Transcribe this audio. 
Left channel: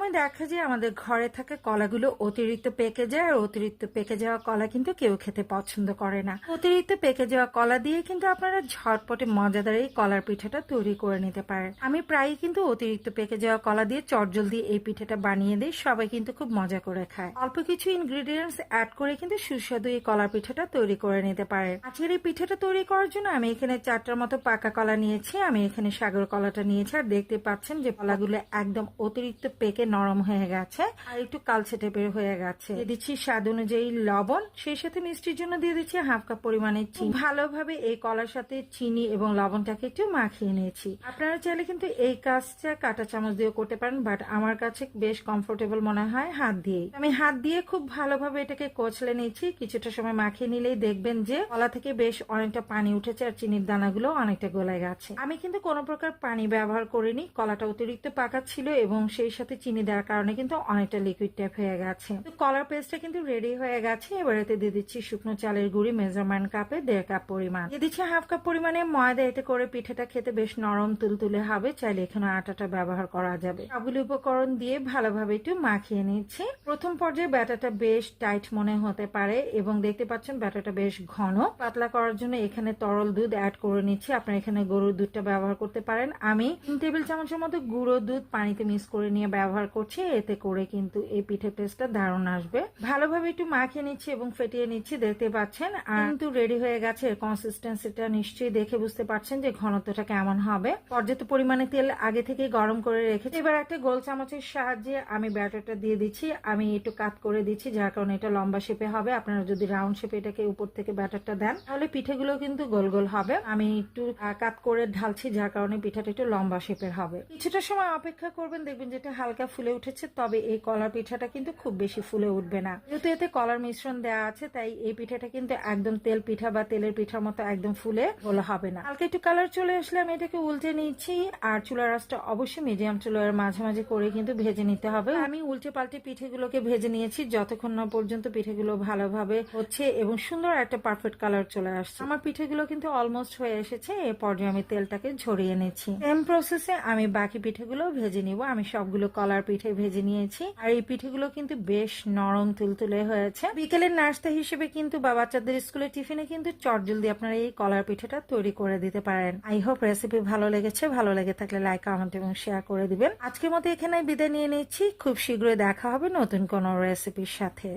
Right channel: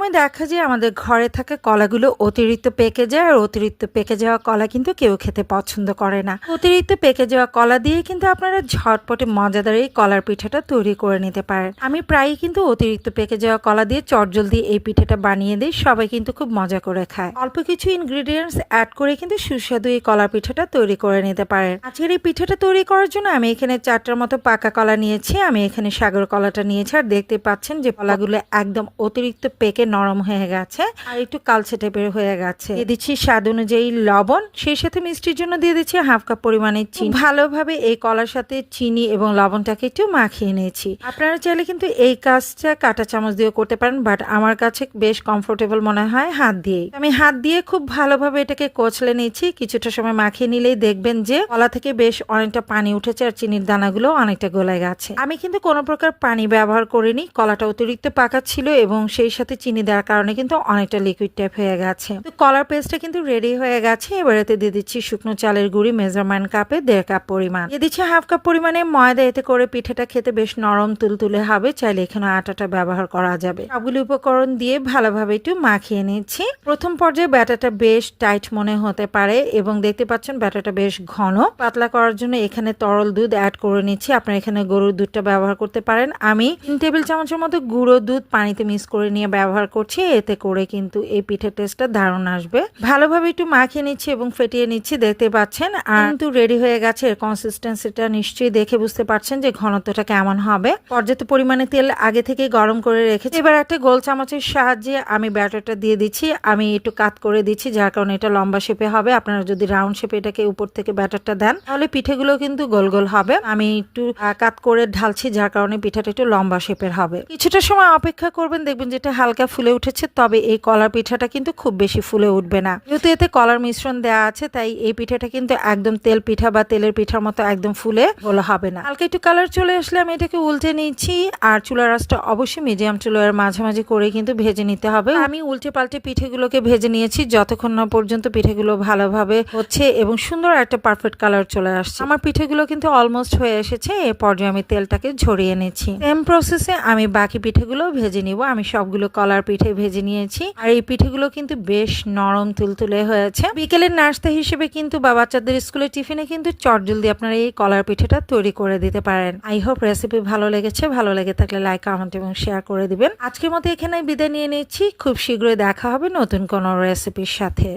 সময় দেখা যায় আমাদের ঘরে থাকা কলাগুলো অতিরিক্ত পেকে যায় আর অতিরিক্ত পেকে যাওয়া কলা কিন্তু কেউ খেতে পছন্দ করে না। অতিরিক্ত পেকে যাওয়া কলা দিয়ে কিন্তু আপনারা ঝটপটে মজাদার এই কলার পিঠাটা তৈরি করে নিতে পারেন। আমি প্রায়ই কিন্তু অতিরিক্ত পেকে যাওয়া কলা দিয়ে চটজলদি এই পিঠাটা বানিয়ে দিই, সবাই কিন্তু খুব মজা করে খায়। অল্প কিছু ইনগ্রিডিয়েন্টস অ্যাড করে কিন্তু সুস্বাদু এই কলার পিঠাটা তৈরি করে নিতে পারেন। আজকের এই পিঠাটা তৈরি করার জন্য আমি এখানে চারটার মতো পাকা কলা নিয়েছি, আমি এখানে সাগর কলাটা নিয়েছি, আর দেখতে পাচ্ছেন যে কলাগুলো একদম অতিরিক্ত পেকে নরম হয়ে গেছে আর একটু কালচে টাইপের হয়ে গেছে। দিয়ে দিচ্ছি স্বাদ অনুযায়ী লবণ সেই সাথে মিষ্টির জন্য দিয়ে দিচ্ছি হাফ কাপ পরিমাণে চিনি। ভালোভাবে এই কলার সাথে চিনি এবং লবণটাকে একটু মাখিয়ে নিয়েছি। আপনারা চাইলে কিন্তু এই কাজটা কাঁটা চামচ দিয়ে করতে পারেন বাট আমার কাছে বেশ কমফোর্টেবল মনে হয় হাত দিয়েই। আমি হাত দিয়ে খুব ভালোভাবে এটাকে কচলে নিয়েছি কিছুটা সময় মাখিয়ে নিলেই দেখবেন যে কলা থেকে বেশ অনেকটা পানি উঠেছে আর চিনির দানাগুলো অনেকটা গলে গেছে। আমি কিন্তু কোনো প্রকার পানি ব্যবহার করিনি কলাটা অতিরিক্ত পাকা ছিল এবং সেই সাথে চিনি দেওয়ার কারণে কিন্তু অনেকটা লিকুইড টাইপ হয়ে গেছে। তো কলার পেস্টটা কিন্তু রেডি হয়ে গেছে। এবারেতে দিয়ে দিচ্ছি শুকনো চালের গুঁড়ি মেজারমেন্ট কাপে দেড় কাপ পরিমাণ। দিয়ে দিচ্ছি হাফ কাপ পরিমাণে ময়দা। এতে করে পিঠাটা খেতে বেশ নরম তুলতুলে হবে। চাইলে এখানে আটাটা ব্যবহার করা যাবে। সবগুলি উপকরণ দিয়ে ভালোভাবে একটু মাখিয়ে নিচ্ছি। প্রথম পর্যায়ে ব্যাটাটা বেশ টাইট মনে হতে পারে এবং দেখতে পাচ্ছেন ব্যাটাটা বেশ ঘন। পাতলা করার জন্য এখানে তরল দুধ অ্যাড করে নিচ্ছি। আপনারা এখানে গরুর দুধটা ব্যবহার করতে পারেন। আমি তিন টেবিল চামচের মতো গুঁড়ো দুধ পানিতে মিক্স করে নিয়ে ব্যবহার করছি এতে করে কিন্তু এই পিঠের টেস্টটা দারুণ আসবে। ভালোভাবে একটু মাখিয়ে নিচ্ছি এবং ফেটিয়ে নিচ্ছি দেখতে পাচ্ছেন। আর কিন্তু রেডি হয়ে গেছে এর কনসিস্টেন্সিটা নিশ্চয়ই দেখে বুঝতে পারছেন যে ঘনত্বটা কেমন হবে। পর্যাপ্ত পরিমাণে তেল আগে থেকে গরম করে রেখেছি। এবার একটা গোল চামচের সাহায্যে আমি ব্যাটারটা দিয়ে দিচ্ছি। আমি একটু কাত করে দিচ্ছি যার কারণে এটা লম্বা শেপে হবে। আপনারা যদি রাউন্ড শেপে এটাকে উপর থেকে ব্যাটারটা দেন তাহলে পিঠেগুলো কিন্তু গোল গোল হবে। আমি একটু কাত করে ঢালছি যার কারণে পিঠাটা একটু লম্বা শেপের হবে। কিছুটা সময় অপেক্ষা করবেন দেখবেন যেটা হালকা ফুলে উঠেছে, তবে এই কলার পিঠাটা কিন্তু খুব বেশি ফুলে উঠবে না। যেহেতু এতে কলার মিশ্রণ দেওয়া আছে, তাই এই পিঠাটা কিন্তু একদম তেল পিঠা বা তেলের পিঠার মতো একদম ফুলে গোলা হবে না। হালকা একটু কালার চলে আসলে আমি এটাকে উল্টে নিচ্ছি, আর চুলার রাসটা অবশ্যই মিডিয়াম চুলার মাঝামাঝি করে কিন্তু ভেজে নিতে হবে। আমি উল্টে পাল্টে পিঠেগুলোকে ভেজে নিয়েছি, যতক্ষণ না পর্যন্ত পিঠেগুলো ভালোভাবে হচ্ছে এবং সুন্দর একটা পারফেক্ট কালার চলে আসছে। আমার পিঠেগুলো কিন্তু অলমোস্ট হয়ে এসেছে, এ পর্যায়ে আমি তেলটাকে ঝরিয়ে নিচ্ছি। সেম প্রসেসে আমি বাকি পিঠেগুলো ভেজে নিব, আমি সবগুলো কলার পিঠে ভেজে নিয়েছি। আর এই পিঠেগুলো কিন্তু বেশ নরম তুলতুলে হয়েছে। বিকেলের নাস্তা হিসেবে কিন্তু বা বাচ্চাদের স্কুলের টিফিনে কিন্তু চটজলদি আপনারা এই কলার পিঠেটা তৈরি করে দিতে পারেন। আই হোপ রেসিপি ভালো লেগেছে। ভালো লেগে থাকলে লাইক, কমেন্ট এবং শেয়ার করে দিবেন। আজকের মতো এখানে বিদায় নিয়ে নিচ্ছি। খুব শীঘ্রই দেখা হবে নতুন কোনো রেসিপির সাথে।